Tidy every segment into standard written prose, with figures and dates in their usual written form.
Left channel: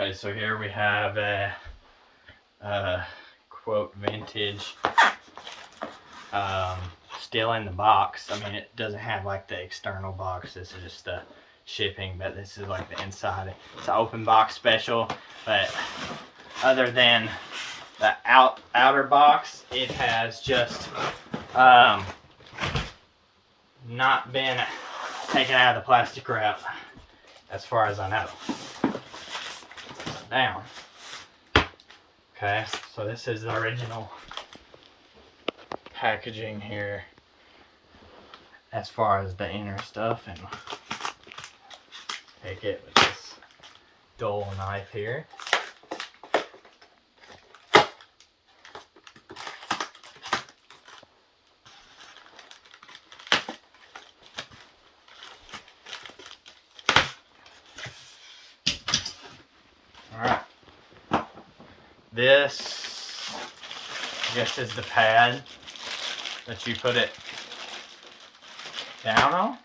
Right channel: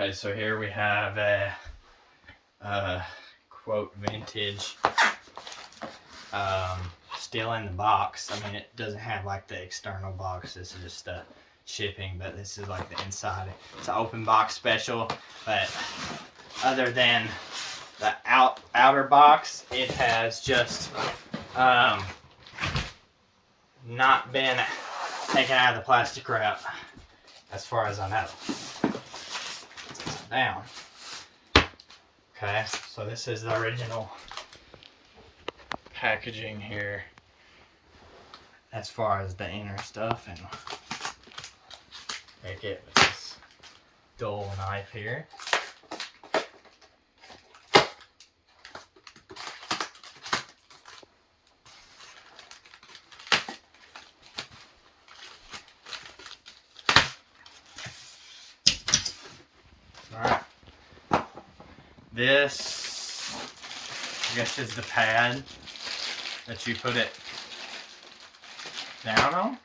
Okay, so here we have a quote vintage, still in the box. I mean, it doesn't have like the external box. This is just the shipping, but this is like the inside. It's an open box special, but other than the outer box, it has just not been taken out of the plastic wrap, as far as I know. It's upside down. Okay, so this is the original packaging here, as far as the inner stuff, and take it with this dull knife here. Alright, this, I guess, is the pad that you put it down on.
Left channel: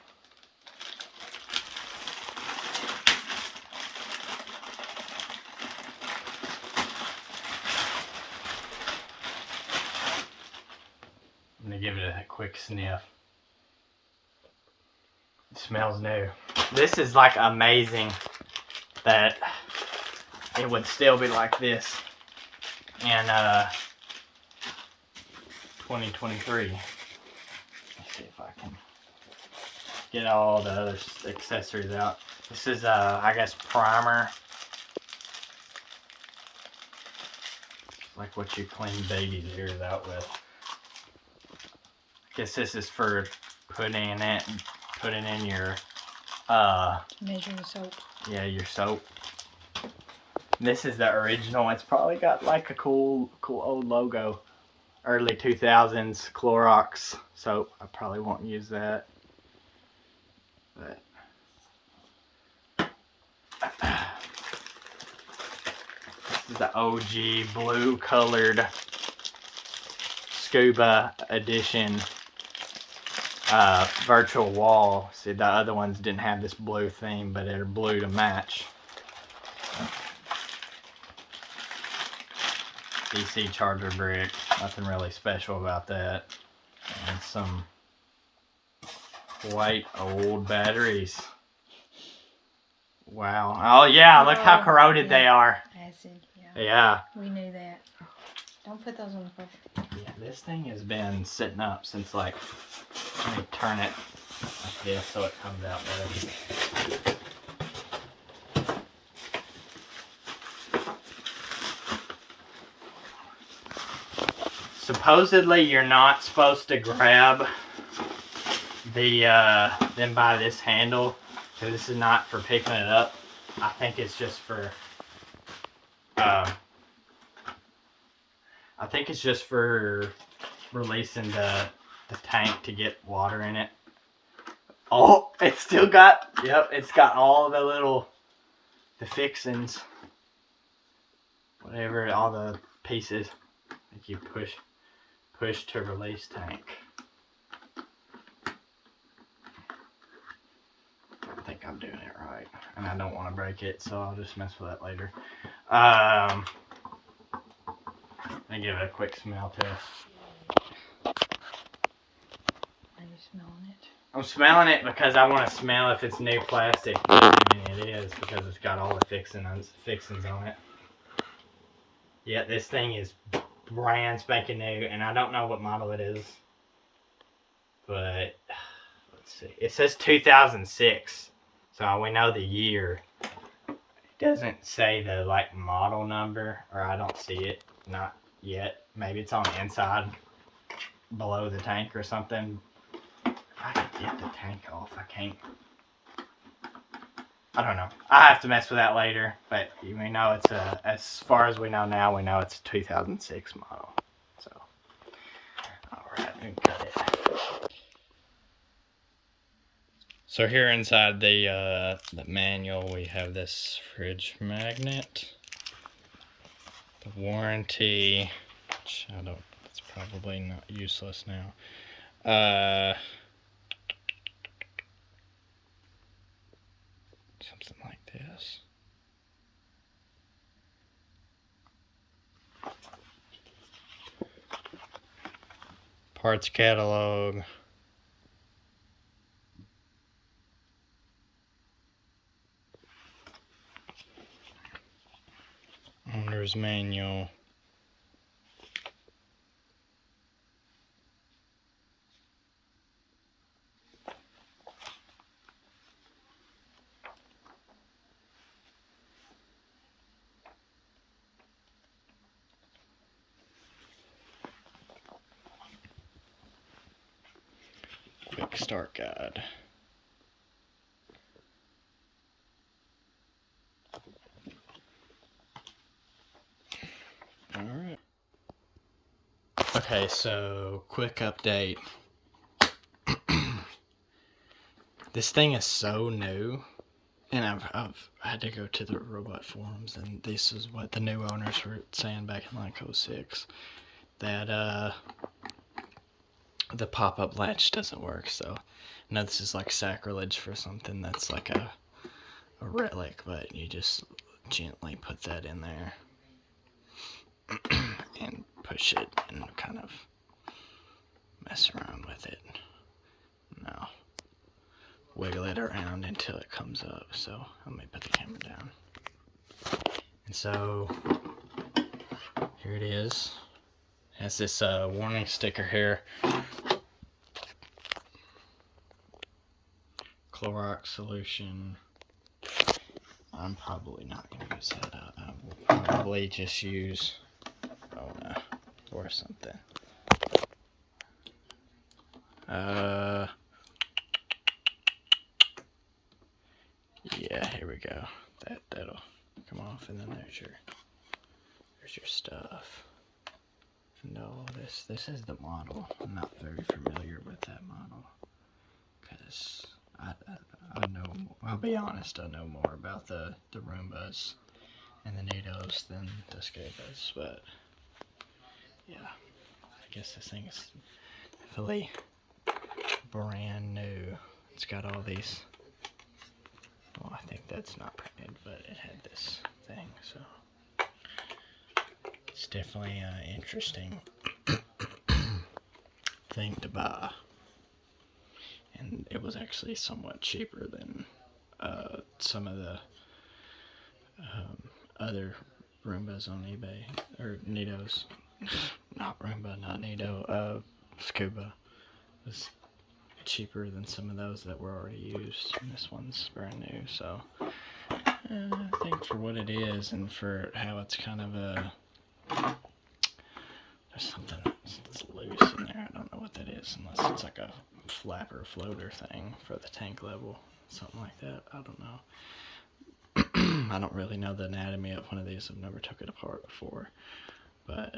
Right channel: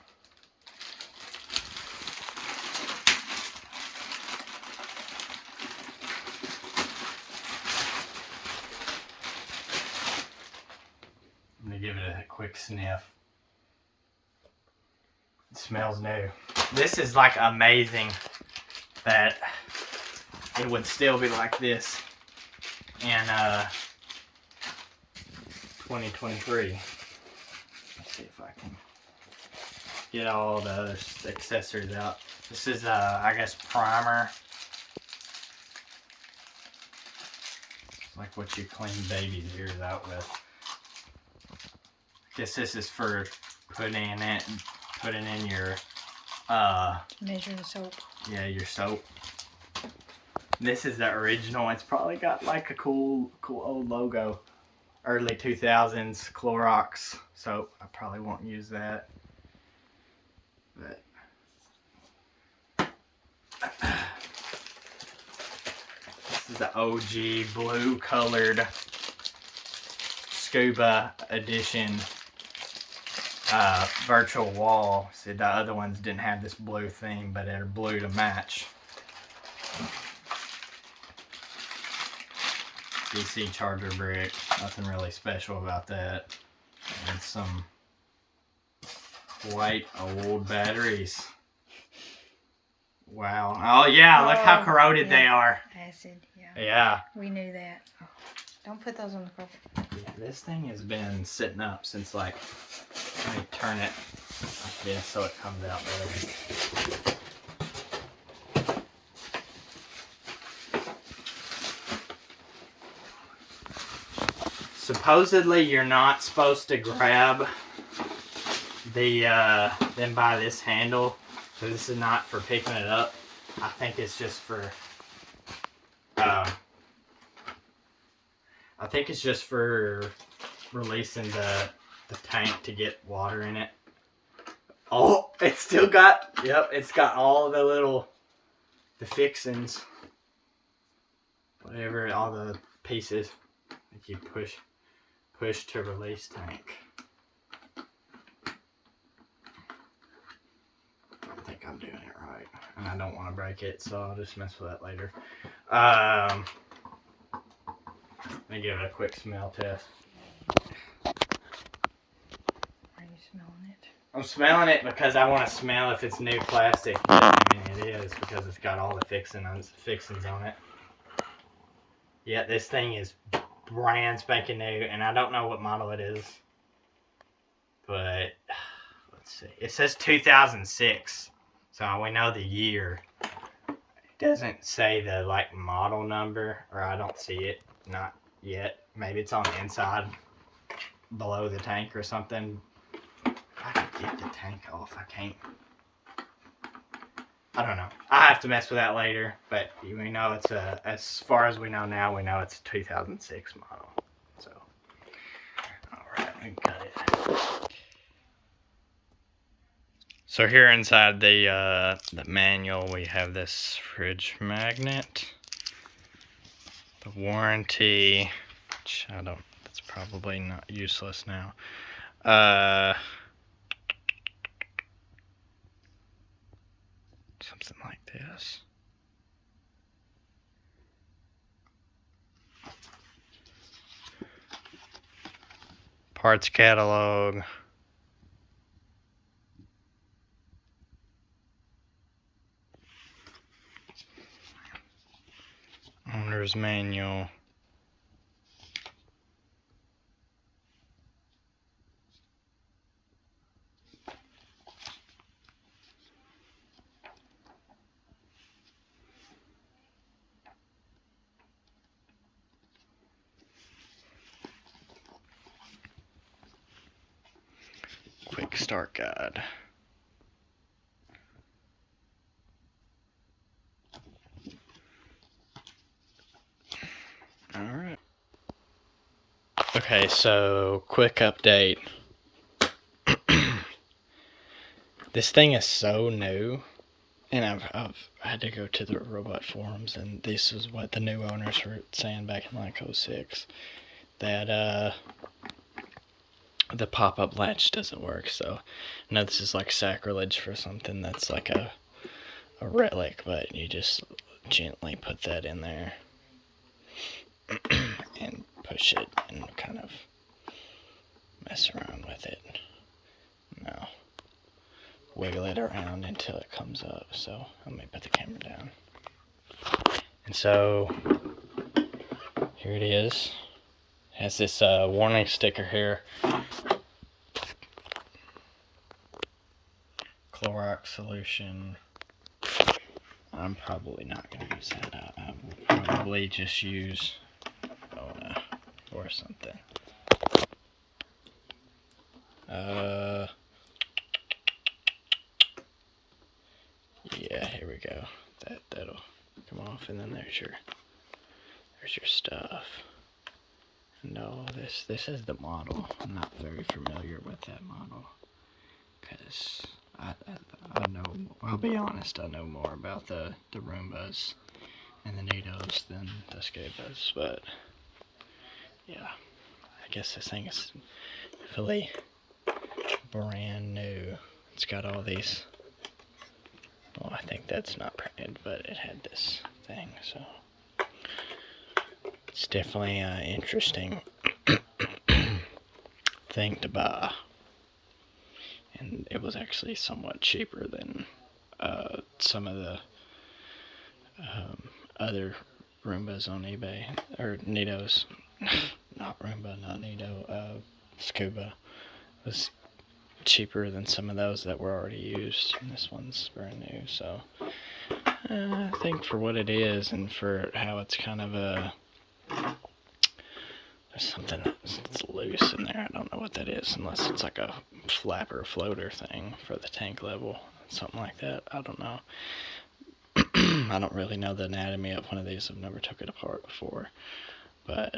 I'm gonna give it a quick sniff. It smells new. This is like amazing that it would still be like this in 2023. Let's see if I can get all the other accessories out. This is I guess primer, like what you clean babies' ears out with. I guess this is for putting in your measuring soap. Yeah, your soap. This is the original. It's probably got like a cool old logo. Early 2000s Clorox soap. I probably won't use that. But this is the OG blue colored Scooba edition virtual wall. See, the other ones didn't have this blue theme, but they're blue to match. DC charger brick, nothing really special about that. And some white old batteries. Wow. Oh yeah, look how corroded they are. Acid, yeah. Yeah. We knew that. Don't put those on the carpet. Yeah, this thing has been sitting up since, like, let me turn it like this so it comes out better. Supposedly, you're not supposed to grab them by this handle, because this is not for picking it up. I think it's just for, releasing the tank to get water in it. Oh, it's still got, yep, it's got all the fixings, whatever, all the pieces. Like you push to release tank. I don't think I'm doing it right, and I don't want to break it, so I'll just mess with that later. Let me give it a quick smell test. Are you smelling it? I'm smelling it because I want to smell if it's new plastic. I mean, it is, because it's got all the fixings on it. Yeah, this thing is brand spanking new, and I don't know what model it is, but let's see. It says 2006, so we know the year. It doesn't say the like model number, or I don't see it, not yet. Maybe it's on the inside below the tank or something. I can get the tank off. I can't. I don't know. I'll have to mess with that later, but we know it's as far as we know now, we know it's a 2006 model. So, alright, we can cut it. So here inside the manual, we have this fridge magnet, the warranty, which I don't, it's probably not useless now. Something like this. Parts catalog. Owner's manual. Quick start guide. Alright. Okay, so quick update. This thing is so new, and I've had to go to the robot forums, and this is what the new owners were saying back in like 06, that the pop-up latch doesn't work. So I know this is like sacrilege for something that's like a relic, but you just gently put that in there and push it and kind of mess around with it. Now wiggle it around until it comes up. So let me put the camera down. And so here it is. It has this warning sticker here. Clorox solution. I'm probably not going to use that. I will probably just use Bona or something. Yeah, here we go. That'll come off, and then there's your stuff. No, this is the model. I'm not very familiar with that model, because I know, I'll be honest, I know more about the Roombas and the Nidos than the Scubas, but yeah, I guess this thing is fully brand new. It's got all these, well, I think that's not printed, but it had this thing, so it's definitely an interesting thing to buy. And it was actually somewhat cheaper than some of the other Roombas on eBay, or Nidos. Not Roomba, not Nido. Scooba was cheaper than some of those that were already used, and this one's brand new. So I think for what it is, and for how it's kind of a, there's something that's loose in there. I don't know what that is, unless it's like a flapper floater thing for the tank level, something like that. I don't know. I don't really know the anatomy of one of these. I've never took it apart before, but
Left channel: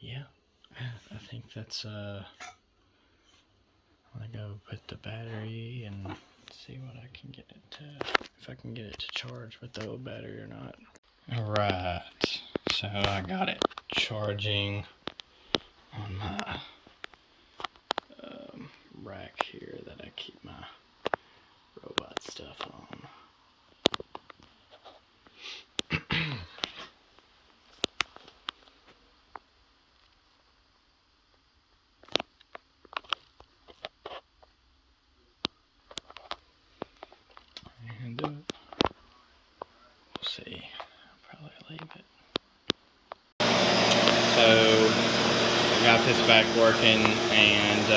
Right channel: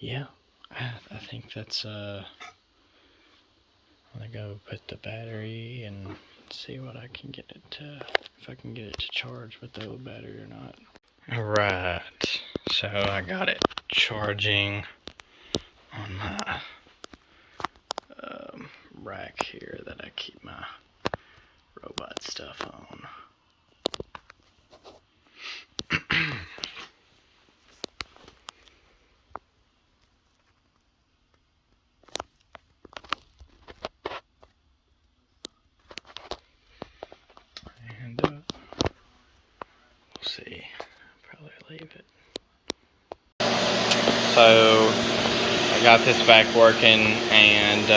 yeah, I think that's I'm gonna go put the battery and see what I can get it to, if I can get it to charge with the old battery or not. Alright, so I got it charging on my rack here that I keep my robot stuff on. And we'll see. I'll probably leave it. So I got this back working, and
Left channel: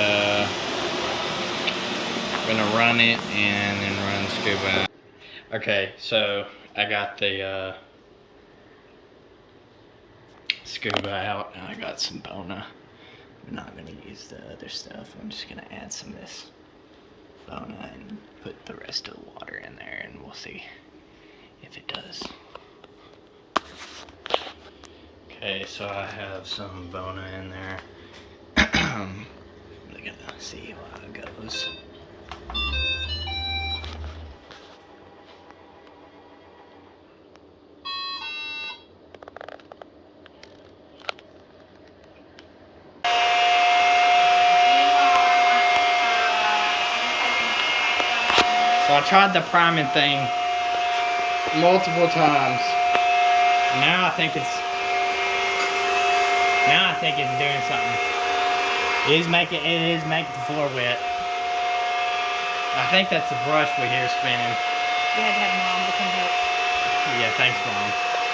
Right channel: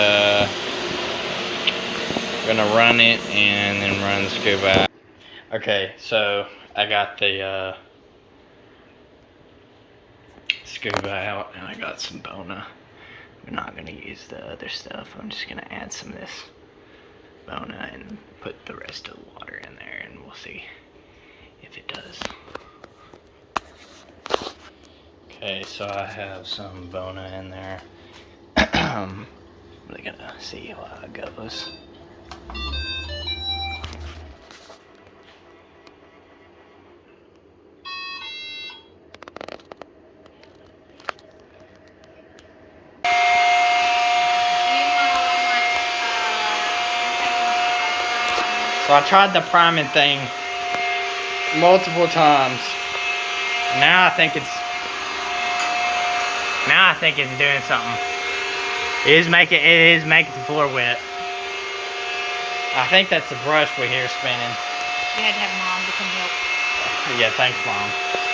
I'm gonna run it and then run Scooba. Okay, so I got the Scooba out, and I got some Bona. I'm not gonna use the other stuff. I'm just gonna add some of this Bona and put the rest of the water in there, and we'll see if it does. Okay, so I have some Bona in there. We're gonna see how it goes. So I tried the priming thing multiple times. Now I think it's Now I think it's doing something. It is making the floor wet. I think that's the brush we hear spinning. You had to have Mom to come help. Yeah, thanks, Mom.